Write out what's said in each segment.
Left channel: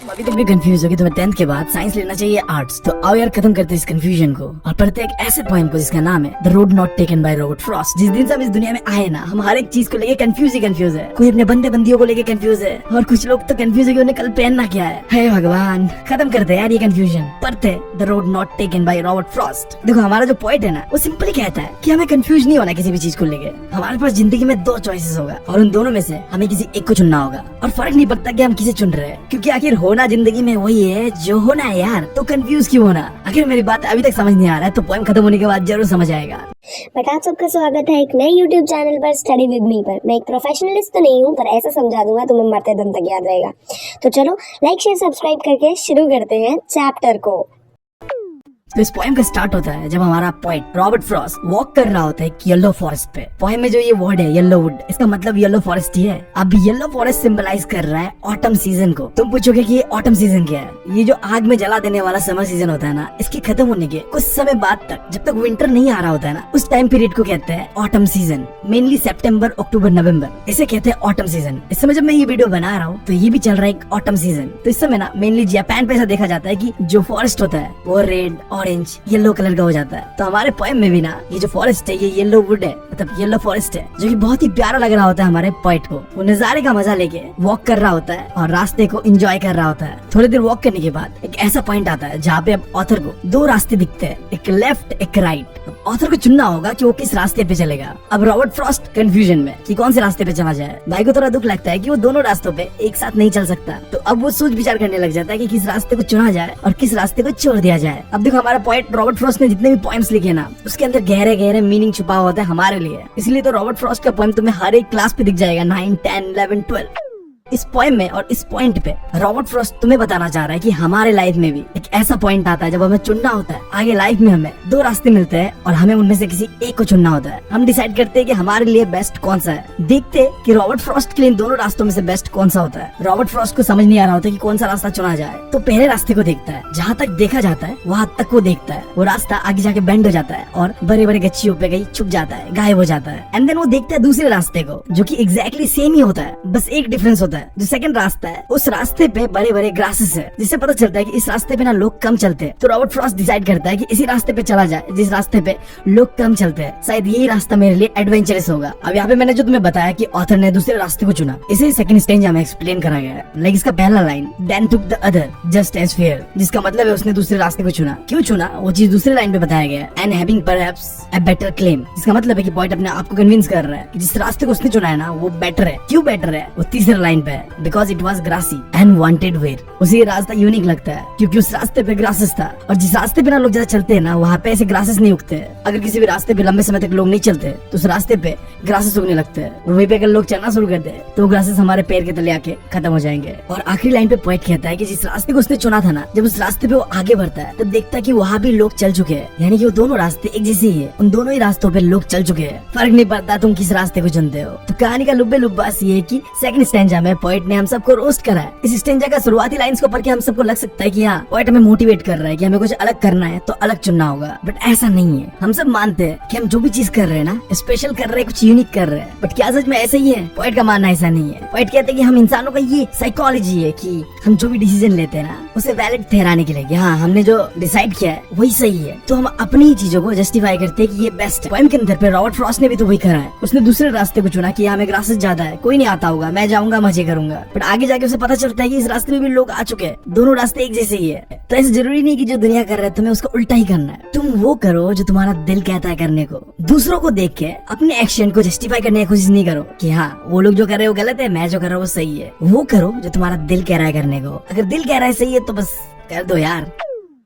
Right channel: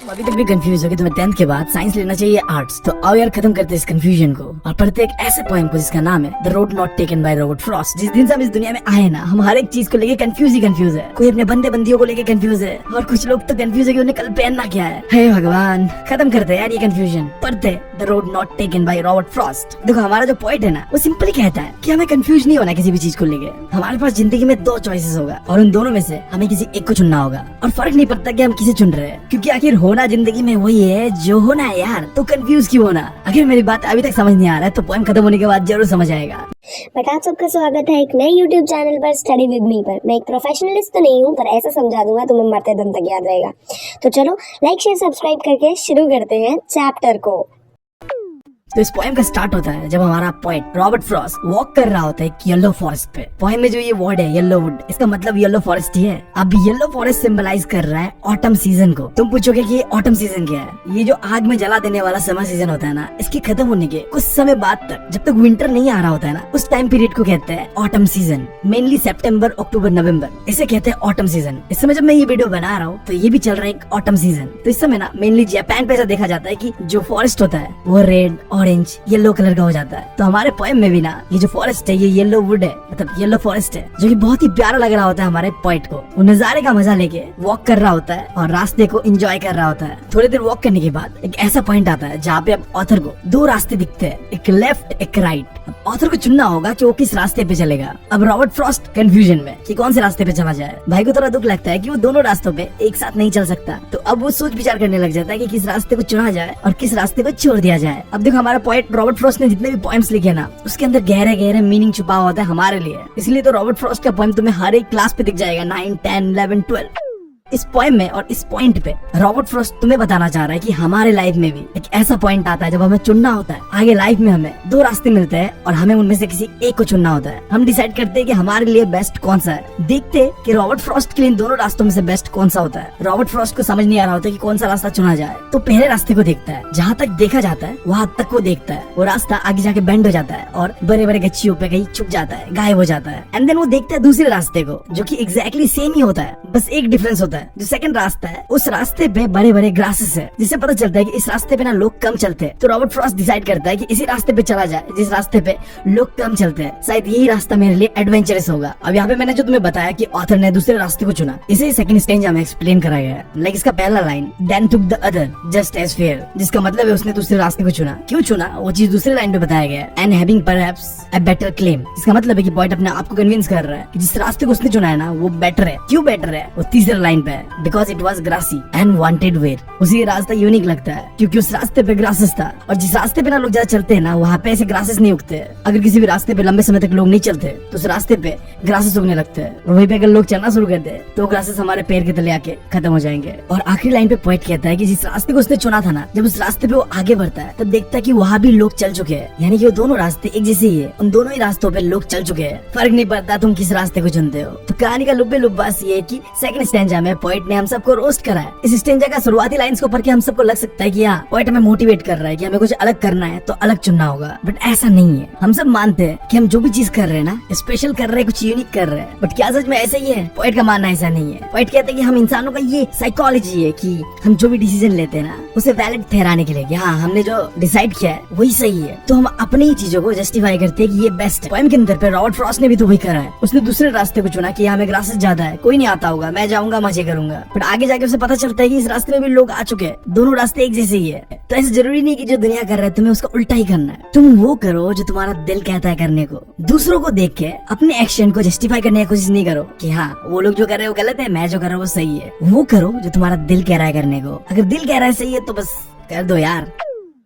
अभी तक भी कंफ्यूज हो कि तुम्हें 10th के बाद साइंस लेना चाहिए आर्ट्स, तो आओ यार खत्म करते इस कंफ्यूजन को और पढ़ते एक ऐसे पोएम को जिसका नाम है the road not taken by Robert Frost. जिस दिन से हम इस दुनिया में आए ना, हम हर एक चीज को लेके कंफ्यूज ही कंफ्यूज है। कोई अपने बंदे बंदियों को लेके कंफ्यूज है और कुछ लोग तो कंफ्यूज है कि उन्हें कल पहनना क्या है। हे भगवान, खत्म करते यार ये कंफ्यूजन। पढ़ते the road not taken by Robert Frost. देखो हमारा जो पोएट है ना, वो सिंपली कहता है कि हमें कंफ्यूज नहीं होना किसी भी चीज को लेके। हमारे पास जिंदगी में 2 चॉइसेस होगा और उन दोनों में से हमें किसी एक को चुनना होगा और फर्क नहीं पड़ता कि हम किसे चुन रहे हैं, क्योंकि आखिर होना जिंदगी में वही है जो होना है यार। तो कंफ्यूज क्यों होना? अगर मेरी बात अभी तक समझ नहीं आ रहा है तो पोएम खत्म होने के बाद जरूर समझ आएगा। बट आप सबका स्वागत है एक नए YouTube चैनल पर स्टडी विद मी पर। मैं एक प्रोफेशनलिस्ट तो नहीं हूँ, पर ऐसा समझा दूंगा तुम्हें मरते दम तक याद रहेगा। तो चलो लाइक शेयर सब्सक्राइब करके शुरू करते हैं चैप्टर को। तो इस पोएम का स्टार्ट होता है जब हमारा पोएट रॉबर्ट फ्रॉस्ट वॉक कर रहा होता है एक येलो फॉरेस्ट पे। पोएम में जो ये वर्ड है येलो वुड, इसका मतलब येलो फॉरेस्ट ही है। अब येलो फॉरेस्ट सिंबलाइज कर रहा है ऑटम सीजन को। तुम पूछोगे कि ये ऑटम सीजन क्या है? ये जो आग में जला देने वाला समर सीजन होता है ना, इसके खत्म होने के कुछ समय बाद तक, जब तक विंटर नहीं आ रहा होता है ना, उस टाइम पीरियड को कहते हैं ऑटम सीजन। मेनली सितंबर, अक्टूबर, नवंबर, इसे कहते हैं ऑटम सीजन। इस समय जब मैं ये वीडियो बना रहा हूँ तो ये भी चल रहा है एक ऑटम सीजन। तो इस समय ना मेनली जापान पे ऐसा देखा जाता है कि जो फॉरेस्ट होता है वो रेड, ऑरेंज, येलो कलर का हो जाता है। तो हमारे पोएम में भी ना ये जो फॉरेस्ट है ये येलो वुड है, मतलब येलो फॉरेस्ट है, जो कि बहुत ही प्यारा लग रहा होता है हमारे पोएट को। वो नजारे का मजा लेके वॉक कर रहा होता है और रास्ते को एंजॉय कर रहा होता है। थोड़ी देर वॉक करने के बाद एक ऐसा पॉइंट आता है जहाँ पे अब ऑथर को 2 रास्ते दिखते हैं, एक लेफ्ट एक राइट। अब ऑथर को चुनना होगा कि वो किस रास्ते पे चलेगा। अब रॉबर्ट फ्रॉस्ट कंफ्यूजन में कि कौन से रास्ते पे चला जाए। भाई को थोड़ा दुख लगता है कि वो दोनों रास्तों पे एक साथ नहीं चल सकता, तो अब वो सोच विचार करने लग जाता है कि किस रास्ते को चुना जाए और किस रास्ते को छोड़ दिया जाए। अब देखो हमारा पोएट रॉबर्ट फ्रॉस्ट ने जितने भी पोएम्स लिखे ना, उसके अंदर गहरे गहरे मीनिंग छुपा होता है हमारे लिए। इसलिए तो रॉबर्ट फ्रॉस्ट का पोएम तुम्हें हर एक क्लास पे दिख जाएगा, 9, 10, 11, 12। इस पोएम में और इस पॉइंट पे रॉबर्ट फ्रॉस्ट तुम्हें बताना चाह रहा है कि हमारे लाइफ में भी एक ऐसा पॉइंट आता है जब हमें चुनना होता है। आगे लाइफ में हमें 2 रास्ते मिलते हैं और हमें उनमें से किसी एक को चुनना होता है। हम डिसाइड करते हैं कि हमारे लिए बेस्ट कौन सा है। देखते हैं कि रॉबर्ट फ्रॉस्ट के लिए इन दोनों रास्तों में से बेस्ट कौन सा होता है। रॉबर्ट फ्रॉस्ट को समझ नहीं आ रहा होता कि कौन सा रास्ता चुना जाए, तो पहले रास्ते को देखता है। जहाँ तक देखा जाता है वहाँ तक वो देखता है। वो रास्ता आगे जाके बेंड हो जाता है और बड़े बड़े गच्छियों पे कहीं छुप जाता है, गायब हो जाता है। एंड देन वो देखता है दूसरे रास्ते को, जो कि एग्जैक्टली सेम ही होता है, बस एक डिफरेंस होता है। जो सेकंड रास्ता है उस रास्ते पे बड़े बड़े ग्रासेस है, जिससे पता चलता है कि इस रास्ते पे ना लोग कम चलते हैं। तो रॉबर्ट फ्रॉस्ट डिसाइड करता है कि इसी रास्ते पे चला जाए जिस रास्ते पे लोग कम चलते हैं। शायद यही रास्ता मेरे लिए एडवेंचरस होगा। अब यहाँ पे मैंने जो तुम्हें बताया कि ऑथर ने दूसरे रास्ते को चुना, इसे सेकंड स्टेज हमें एक्सप्लेन करा गया है। लाइक इसका पहला line, then took the other just as fair, जिसका मतलब है उसने दूसरे रास्ते को चुना। क्यों चुना वो चीज दूसरे लाइन पे बताया गया है। And having perhaps a better claim, इसका मतलब है कि पॉइंट अपने आप को कन्विंस कर रहा है कि जिस रास्ते को उसने चुना है ना वो बेटर है। क्यों बेटर है वो तीसरे लाइन पे है, because it was grassy and wanted wear. उसी रास्ता यूनिक लगता है क्योंकि उस रास्ते पे ग्रासेस था, और जिस रास्ते पे ना लोग ज्यादा चलते हैं ना वहाँ पे ऐसे ग्रासेस नहीं उगते। अगर किसी भी रास्ते पे लंबे समय तक लोग नहीं चलते तो उस रास्ते पे ग्रासेस उगने लगते हैं, और वहीं पे अगर लोग चलना शुरू करते हैं तो ग्रासेस हमारे पैर के तले आके खत्म हो जाएंगे। और आखिरी लाइन पे पोएट कहता है कि जिस रास्ते को उसने चुना था ना, जब उस रास्ते पे वो आगे बढ़ता है तब देखता है कि वहाँ भी लोग चल चुके हैं, यानी कि वो दोनों रास्ते एक जैसे ही है। उन दोनों ही रास्तों पे लोग चल चुके हैं, फर्क नहीं पड़ता तुम किस रास्ते को चुनते हो। तो कहानी का लुब्बे लुब्बा ये है कि सेकंड स्टैंजा में पोएट ने हम सबको रोस्ट करा है। इस स्टैंजा का शुरुआती लाइंस को पढ़ के हम सबको लग सकता है कि हाँ पोएट हमें मोटिवेट कर रहा है कि हमें कुछ अलग करना है तो अलग चुनना होगा, बट ऐसा नहीं है। हम सब मानते हैं कि हम जो भी चीज कर रहे हैं ना, स्पेशल कर रहे हैं, कुछ यूनिक कर रहे हैं, बट क्या सच में ऐसा ही है? पोएट का मानना ऐसा नहीं है। पोएट कहते हैं कि हम इंसानों का ये साइकोलॉजी है कि हम जो भी डिसीजन लेते हैं ना उसे वैलिड ठहराने के लिए कि हाँ हमने जो डिसाइड किया है वही सही है, तो हम अपनी ही चीजों को जस्टिफाई करते हैं कि ये बेस्ट है। पोएम के अंदर पे रॉबर्ट फ्रॉस्ट ने भी तो वही करा है। उसने दूसरे रास्ते को चुना कि हमें ग्रासेस ज्यादा है, कोई नहीं आता होगा, मैं जाऊंगा मजे करूंगा, बट आगे जाके उसे पता चलता है कि इस रास्ते में भी लोग आ चुके हैं, दोनों रास्ते एक जैसे ही है। तो ऐसा जरूरी नहीं कि जो दुनिया कर रहा है तुम्हें उसका उल्टा ही करना है। तुम वो करो जो तुम्हारा दिल कहता है करने को। दूसरों को देख के अपने एक्शन को जस्टिफाई करने की कोशिश नहीं करो कि हाँ वो लोग जो कर रहे हैं वो गलत है, मैं जो कर रहा हूँ वो सही है। वो करो जो तुम्हारा दिल कह रहा है करने को। अगर दिल कह रहा है सही है तो बस कर दो यार।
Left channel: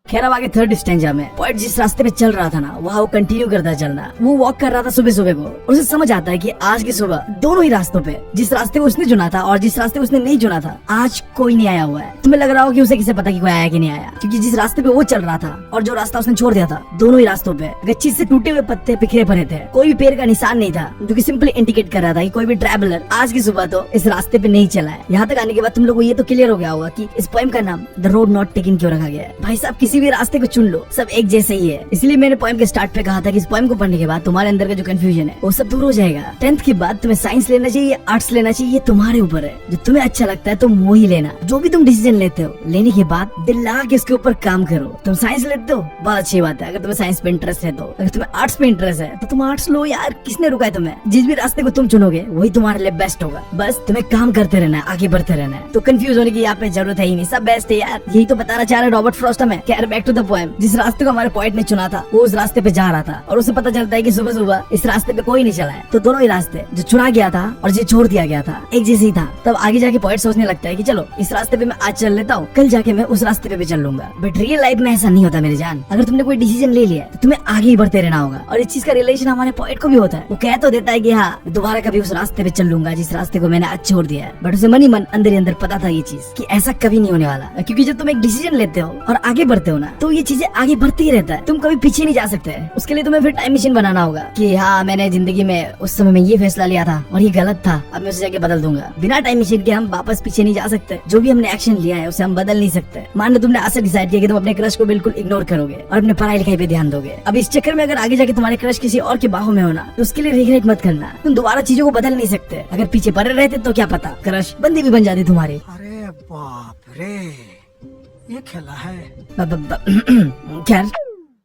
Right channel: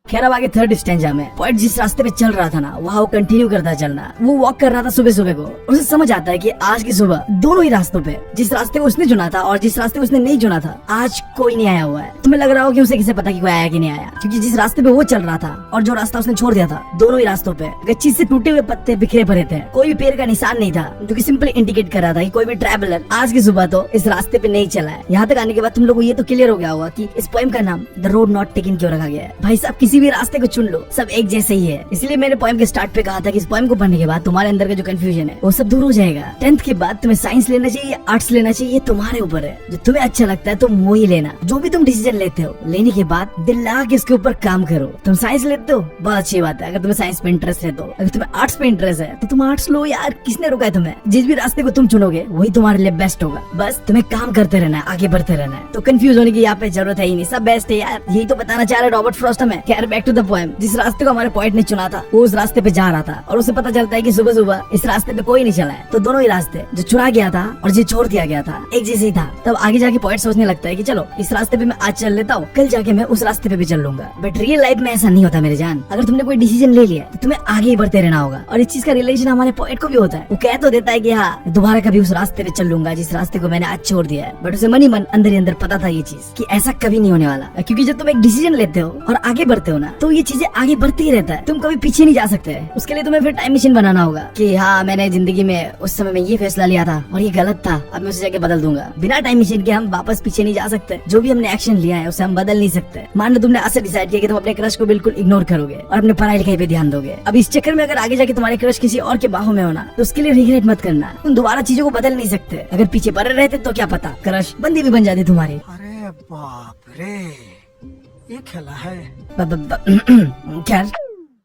खैर अब आगे थर्ड स्टैंजा में पोएट जिस रास्ते पे चल रहा था ना वहाँ वो कंटिन्यू करता चलना। वो वॉक कर रहा था सुबह सुबह को। उसे समझ आता है कि आज की सुबह दोनों ही रास्तों पे, जिस रास्ते को उसने चुना था और जिस रास्ते को उसने नहीं चुना था, आज कोई नहीं आया हुआ है। तुम्हें लग रहा हो कि उसे किसे पता कि कोई आया कि नहीं आया, क्योंकि जिस रास्ते पे वो चल रहा था और जो रास्ता उसने छोड़ दिया था, दोनों ही रास्तों पे गच्छी से टूटे हुए पत्ते बिखरे पड़े थे। कोई भी पेड़ का निशान नहीं था, जो कि सिंपली इंडिकेट कर रहा था कि कोई भी ट्रैवलर आज की सुबह तो इस रास्ते पे नहीं चला है। यहाँ तक आने के बाद तुम लोग को ये तो क्लियर हो गया होगा कि इस पोएम का नाम द रोड नॉट टेकन क्यों रखा गया है। भाई साहब किसी किसी भी रास्ते को चुन लो, सब एक जैसे ही है। इसलिए मैंने पोएम के स्टार्ट पे कहा था कि इस पोएम को पढ़ने के बाद तुम्हारे अंदर का जो कंफ्यूजन है वो सब दूर हो जाएगा। 10th के बाद तुम्हें साइंस लेना चाहिए, आर्ट्स लेना चाहिए, तुम्हारे ऊपर है। जो तुम्हें अच्छा लगता है तुम वही लेना। जो भी तुम डिसीजन लेते हो, लेने के बाद दिल लगा के इसके ऊपर काम करो। तुम साइंस लेते हो, बहुत अच्छी बात है। अगर तुम्हें साइंस पे इंटरेस्ट है तो, अगर तुम्हें आर्ट्स पे इंटरेस्ट है तो तुम आर्ट्स लो यार, किसने रुका है तुम्हें? जिस भी रास्ते को तुम चुनोगे वही तुम्हारे लिए बेस्ट होगा। बस तुम्हें काम करते रहना है, आगे बढ़ते रहना है। तो कंफ्यूज होने की यहाँ पे जरूरत है ही नहीं, सब बेस्ट है यार। यही तो बताना चाह रहे रॉबर्ट फ्रॉस्ट हमें। खैर बैक टू द पोएम। जिस रास्ते को हमारे पॉइंट ने चुना था वो उस रास्ते पे जा रहा था और उसे पता चलता है कि सुबह सुबह इस रास्ते पे कोई नहीं चला है। तो दोनों ही रास्ते, जो चुना गया था और जो छोड़ दिया गया था, एक जैसे ही था। तब आगे जाके पॉइंट सोचने लगता है कि चलो इस रास्ते पे मैं आज चल लेता हूँ, कल जाके मैं उस रास्ते पे भी चल लूंगा। बट रियल लाइफ में ऐसा नहीं होता मेरे जान। अगर तुमने कोई डिसीजन ले लिया तो तुम्हें आगे ही बढ़ते रहना होगा। और इस चीज का रिलेशन हमारे पॉइंट को भी होता है। वो कह तो देता है कि हाँ दोबारा कभी उस रास्ते पे चल लूंगा जिस रास्ते को मैंने आज छोड़ दिया है। बट उसे मन ही मन अंदर ही अंदर पता था ये चीज कि ऐसा कभी नहीं होने वाला। क्योंकि जब तुम एक डिसीजन लेते हो और आगे बढ़ते हो ना, तो ये चीजें आगे बढ़ती ही रहता है। तुम कभी पीछे नहीं जा सकते। उसके लिए तुम्हें फिर टाइम मशीन बनाना होगा कि हाँ मैंने जिंदगी में उस समय में ये फैसला लिया था और ये गलत था, अब मैं उसे जाके बदल दूंगा। बिना टाइम मशीन के हम वापस पीछे नहीं जा सकते। जो भी हमने एक्शन लिया है उसे हम बदल नहीं सकते। मान लो तुमने ऐसा डिसाइड किया कि तुम अपने क्रश को बिल्कुल इग्नोर करोगे और अपने पढ़ाई लिखाई पे ध्यान दोगे। अब इस चक्कर में अगर आगे जाके तुम्हारे क्रश किसी और के बाहों में होना, तो उसके लिए रिग्रेट मत करना। तुम दोबारा चीजों को बदल नहीं सकते। अगर पीछे पड़े रहते तो क्या पता क्रश बंदी भी बन जाती तुम्हारी। अरे बाप रे, ये खेला है। खैर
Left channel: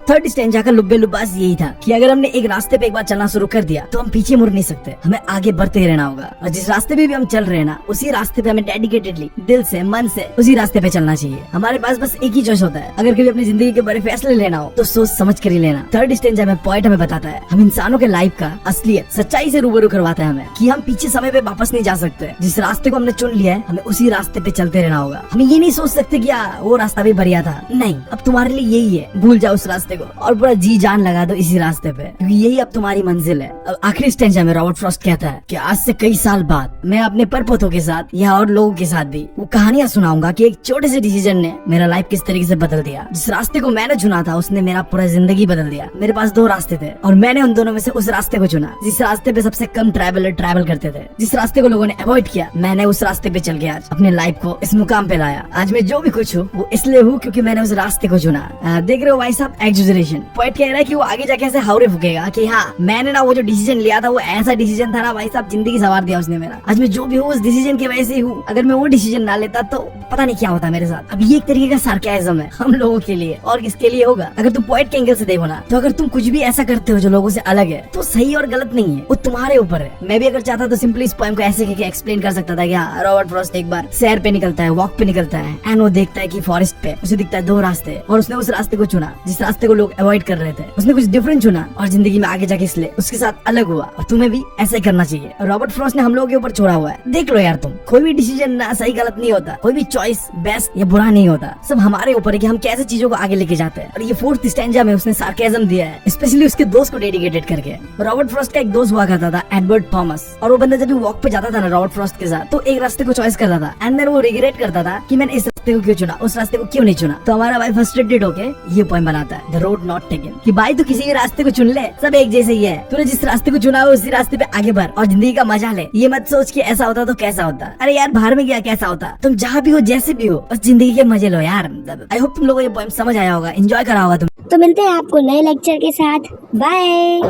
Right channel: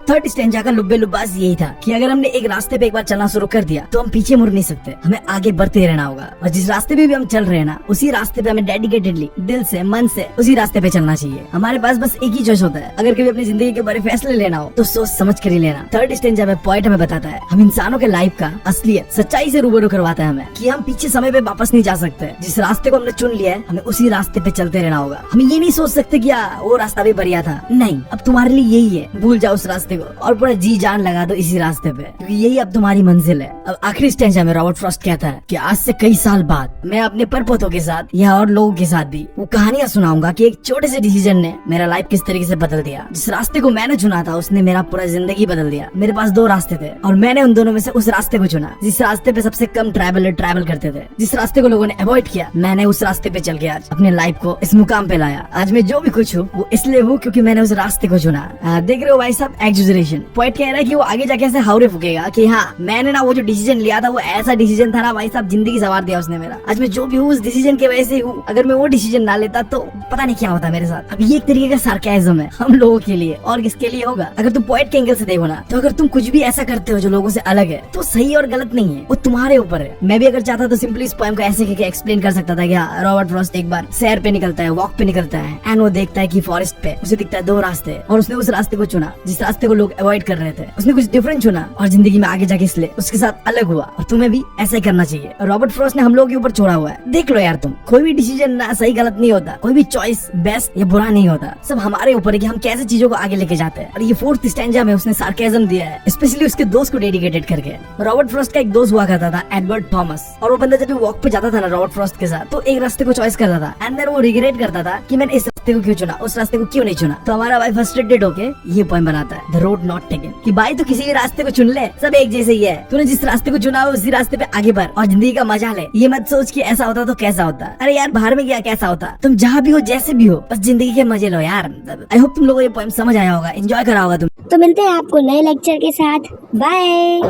थर्ड स्टेंजा का लुब्बे लुब्बास यही था कि अगर हमने एक रास्ते पे एक बार चलना शुरू कर दिया तो हम पीछे मुड़ नहीं सकते। हमें आगे बढ़ते रहना होगा और जिस रास्ते पे भी हम चल रहे हैं ना, उसी रास्ते पे हमें डेडिकेटेडली, दिल से, मन से उसी रास्ते पे चलना चाहिए। हमारे पास बस एक ही चॉइस होता है। अगर कभी अपनी जिंदगी के बड़े फैसले लेना हो तो सोच समझ कर ही लेना। थर्ड स्टेंजा में पॉइंट हमें बताता है, हम इंसानों के लाइफ का असलियत, सच्चाई से रूबरू करवाता है हमें कि हम पीछे समय पे वापस नहीं जा सकते। जिस रास्ते को हमने चुन लिया है हमें उसी रास्ते पे चलते रहना होगा। हम ये नहीं सोच सकते कि वो रास्ता भी बढ़िया था। नहीं, अब तुम्हारे लिए यही है। भूल जाओ उस रास्ते को और पूरा जी जान लगा दो इसी रास्ते पे, क्योंकि यही अब तुम्हारी मंजिल है। अब आखिरी स्टेंजा में रॉबर्ट फ्रॉस्ट कहता है कि आज से कई साल बाद मैं अपने परपोतों के साथ या और लोगों के साथ भी वो कहानियां सुनाऊंगा कि एक छोटे से डिसीजन ने मेरा लाइफ किस तरीके से बदल दिया। जिस रास्ते को मैंने चुना था उसने मेरा पूरा जिंदगी बदल दिया। मेरे पास दो रास्ते थे और मैंने उन दोनों में से उस रास्ते को चुना जिस रास्ते पे सबसे कम ट्रैवलर ट्रैवल करते थे। जिस रास्ते को लोगों ने अवॉइड किया, मैंने उस रास्ते पे चल के आज अपने लाइफ को इस मुकाम पे लाया। आज मैं जो भी कुछ हूँ वो इसलिए हूँ क्योंकि मैंने उस रास्ते को चुना। देख रहे हो भाई साहब, एक्सैजरेशन। पॉइंट कह रहा है कि वो आगे जाके ऐसे हावरे फूकेगा कि हाँ मैंने ना वो जो डिसीजन लिया था वो ऐसा डिसीजन था ना भाई साहब, जिंदगी सवार दिया उसने मेरा। आज मैं जो भी हूँ उस डिसीजन की वजह से ही हूँ। अगर मैं वो डिसीजन ना लेता तो पता नहीं क्या होता मेरे साथ। अब ये एक तरीके का सार्केज्म है हम लोगों के लिए, और किसके लिए होगा? अगर तुम पॉइंट के एंगल से देखो ना, तो अगर तुम कुछ भी ऐसा करते हो जो लोगों से अलग है तो सही और गलत नहीं है, वो तुम्हारे ऊपर है। मैं भी अगर चाहता तो सिंपली इस पोएम को ऐसे करके एक्सप्लेन कर सकता था कि हाँ रॉबर्ट फ्रॉस्ट एक बार सैर पे निकलता है, वॉक पे निकलता है एंड वो देखता है कि फॉरेस्ट पे उसे दिखता है दो रास्ते और उसने उस रास्ते को चुना जिस रास्ते को लोग अवॉइड कर रहे थे। उसने कुछ डिफरेंट चुना और जिंदगी में आगे जाके इसलिए उसके साथ अलग हुआ। और तुम्हें भी ऐसा ही करना चाहिए। रॉबर्ट फ्रॉस्ट ने हम लोगों के ऊपर छोड़ा हुआ है। देख लो यार, तुम कोई भी डिसीजन ना सही गलत नहीं होता, कोई भी चॉइस बेस्ट या बुरा नहीं होता। सब हमारे ऊपर है कि हम कैसे चीजों को आगे लेके जाते हैं। और ये फोर्थ स्टैंजा में उसने सार्केज्म दिया है, स्पेशली उसके दोस्त को डेडिकेटेड करके। रॉबर्ट फ्रॉस्ट का एक दोस्त हुआ करता था एडवर्ड थॉमस, और वो बंदा जब भी वॉक पे जाता था ना रॉबर्ट फ्रॉस्ट के साथ, तो एक रास्ते को चॉइस करता था एंड देन वो रिग्रेट करता था कि मैंने इस रास्ते को क्यों चुना, उस रास्ते को क्यों नहीं चुना। तो हमारा भाई फ्रस्ट्रेटेड होके ये पोएम बनाता है, द रोड नॉट टेकन, कि भाई तू किसी भी रास्ते को चुन ले, सब एक जैसे ही है। तूने जिस रास्ते को चुना है उसी रास्ते पे आगे बढ़ और जिंदगी का मजा ले। ये मत सोच कि ऐसा होता तो कैसा होता। अरे यार बाहर में गया कैसा होता, तुम जहाँ भी हो जैसे भी हो बस जिंदगी के मजे लो यार। आई होप तुम लोगों को ये पोएम समझ आया होगा, एंजॉय करा होगा तुम। तो मिलते हैं आपको नए लेक्चर के साथ। बाय।